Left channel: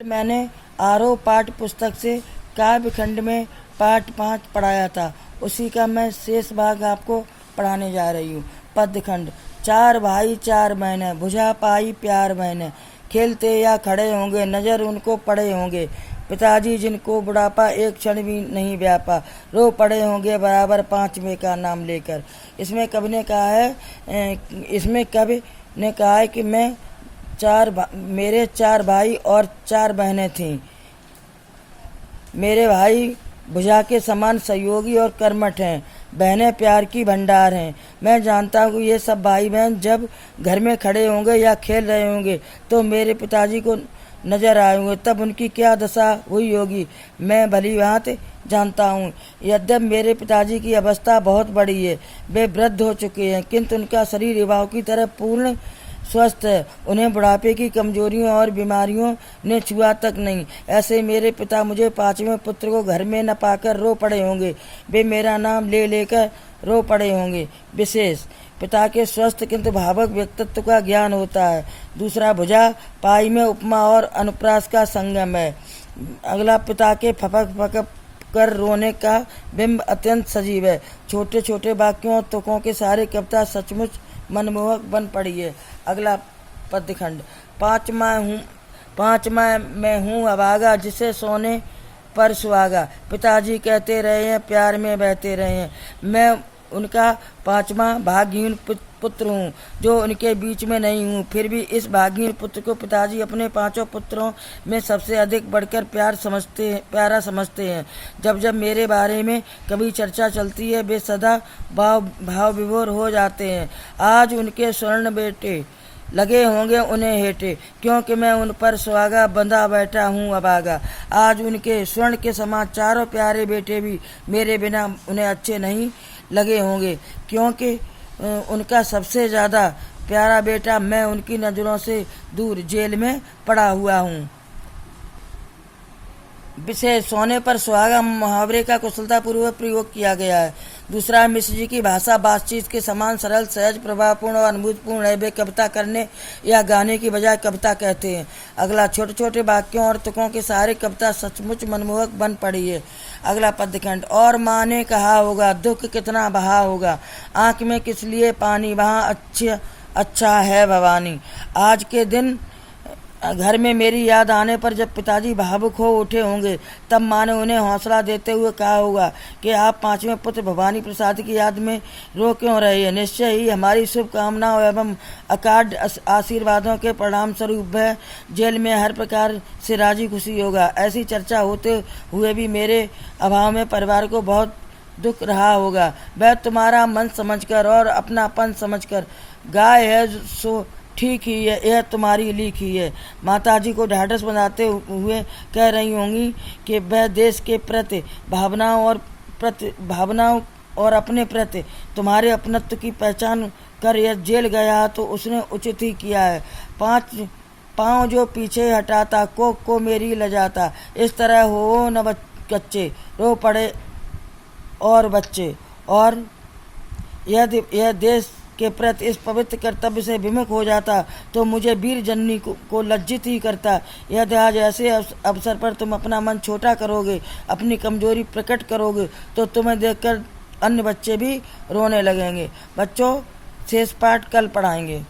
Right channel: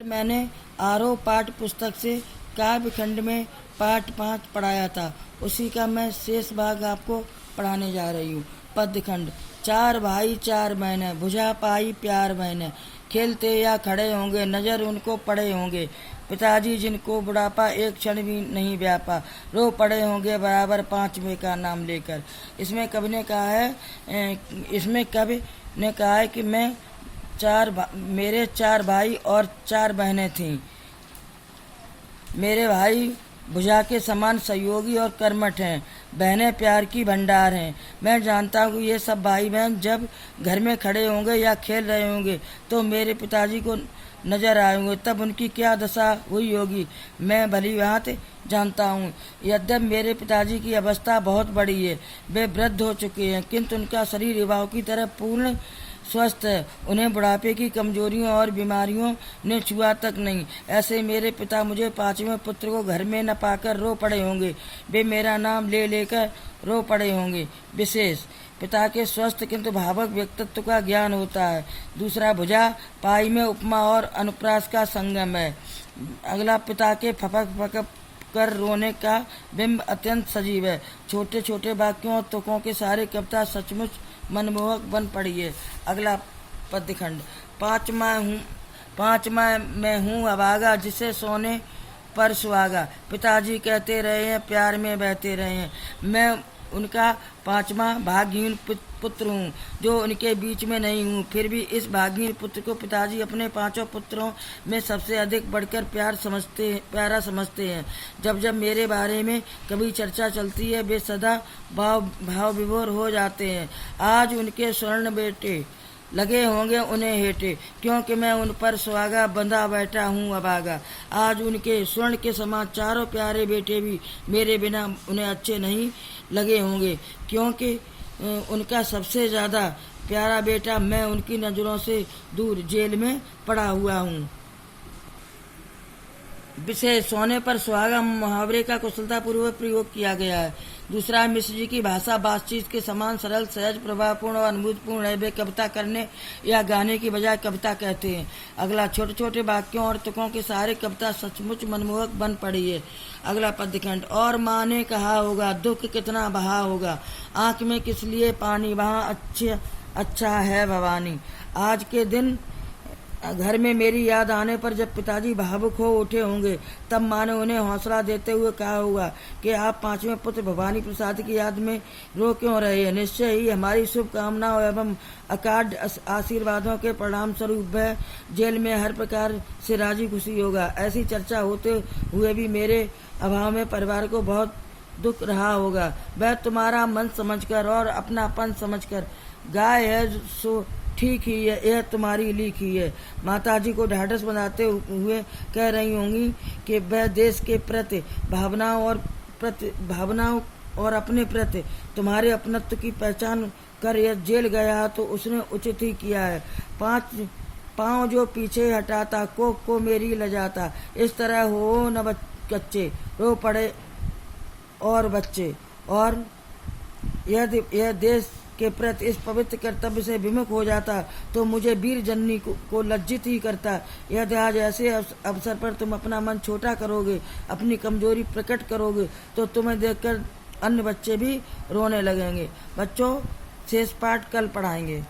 मैंने आरोह पाठ पुस्तक से काव्य खंड में पाठ 5 पढ़ाया था। उसी का मैं शेष भाग आपको पढ़ाने जा रही हूँ। पद्य खंड। 4 भाई 4 बहनें, भुजा पाई प्यार बहनें, खेलते या खड़े होंगे, नजर उनको पड़े होंगे। पिताजी जिनको बुढ़ापा एक क्षण भी नहीं व्यापा, रो पड़े होंगे बराबर 5वें का नाम लेकर। इसमें कवि ने कहा है कि मेरे 4 भाई और 4 बहनें थीं। मेरे भाई भुजा के समान सहयोगी और कर्मठ हैं, बहनें प्यार की भंडार हैं। मैं जानता हूँ ये सब भाई बहन जब घर में खड़े होंगे या खेल रहे होंगे तो मेरे पिताजी को नजर आए होंगे, तब उनकी क्या दशा हुई होगी मैं भली भांति जानता हूँ। यद्यप मेरे पिताजी की अवस्था बहुत बड़ी है, वे वृद्ध हो चुके हैं, किंतु उनका शरीर युवाओं की तरह पूर्ण स्वस्थ है। उन्हें बुढ़ापे की कमजोरियों और बीमारियों ने छुआ तक नहीं। ऐसे मेरे पिता मुझे 5वें पुत्र को घर में न पाकर रो पड़े होंगे, वे मेरा नाम ले लेकर रो पड़े होंगे। विशेष पिता के स्वस्थ किंतु भावुक व्यक्तित्व का ज्ञान होता है। दूसरा, भुजा पाई में उपमा और अनुप्रास का संगम है। अगला, पिता के फपक फपक कर रोने का बिंब अत्यंत सजीव है। छोटे छोटे वाक्यों और तुकों के सारे कविता सचमुच मनमोहक बन पड़ी है। अगला पद्य खंड। 5 मैं हूँ अभागा, जिसे सोने पर सुहागा, पिताजी कहते रहे हैं प्यार में बहते रहे हैं। मैं उनका 5वां भाग्यहीन पुत्र हूँ जो उनके बीच में नहीं हूँ। फिर भी इस भाग्यहीन पुत्र को पिताजी अपने 5 पुत्रों में सबसे अधिक बढ़कर प्यारा समझते हैं। जब जब मेरे बारे में कभी चर्चा चलती है वे सदा भाव विभोर हो जाते हैं। आज उनके स्वर्ण बेटे लगे होंगे उन्हें हेटे, क्योंकि मैं उन पर सुहागा बंधा बैठा हूँ अभागा। आज उनके स्वर्ण के समान 4 प्यारे बेटे भी मेरे बिना उन्हें अच्छे नहीं लगे होंगे, क्योंकि उनका सबसे ज्यादा प्यारा बेटा मैं उनकी नजरों से दूर जेल में पड़ा हुआ हूँ। विशेष, सोने पर सुहागा मुहावरे का कुशलतापूर्वक प्रयोग किया गया है। दूसरा, मिश्र जी की भाषा बातचीत के समान सरल, सहज, प्रभावपूर्ण और अनुभूतपूर्ण है। वे कविता करने या गाने की बजाय कविता कहते हैं। अगला, छोटे छोटे वाक्यों और तुकों के सारे कविता सचमुच मनमोहक बन पड़ी है। अगला पद्य खंड। और माँ ने कहा होगा दुख कितना बहा होगा, आंख में किस लिए पानी, वहाँ अच्छा है भवानी। आज के दिन घर में मेरी याद आने पर जब पिताजी भावुक हो उठे होंगे तब माँ ने उन्हें हौसला देते हुए कहा होगा कि आप 5वें पुत्र भवानी प्रसाद की याद में रो क्यों रहे हैं। निश्चय ही हमारी शुभकामनाओं एवं अकाढ़ आशीर्वादों के परिणाम स्वरूप वह जेल में हर प्रकार से राजी खुशी होगा। ऐसी चर्चा होते हुए भी मेरे अभाव में परिवार को बहुत दुख रहा होगा। वह तुम्हारा मन समझकर और अपनापन समझकर गाय है सो ठीक ही है, यह तुम्हारी लिखी है। माताजी को ढाढ़स बनाते हुए कह रही होंगी कि वह देश के प्रति भावनाओं और अपने प्रति तुम्हारे अपनत्व की पहचान कर यह जेल गया तो उसने उचित ही किया है। 5 पाँव जो पीछे हटाता को मेरी लजाता, इस तरह हो न कच्चे, रो पड़े और बच्चे। और यह देश के प्रति इस पवित्र कर्तव्य से विमुख हो जाता तो मुझे वीर जननी को लज्जित ही करता। यदि आज ऐसे अवसर पर तुम अपना मन छोटा करोगे, अपनी कमजोरी प्रकट करोगे तो तुम्हें देखकर अन्य बच्चे भी रोने लगेंगे। बच्चों, शेष पाठ कल पढ़ाएंगे।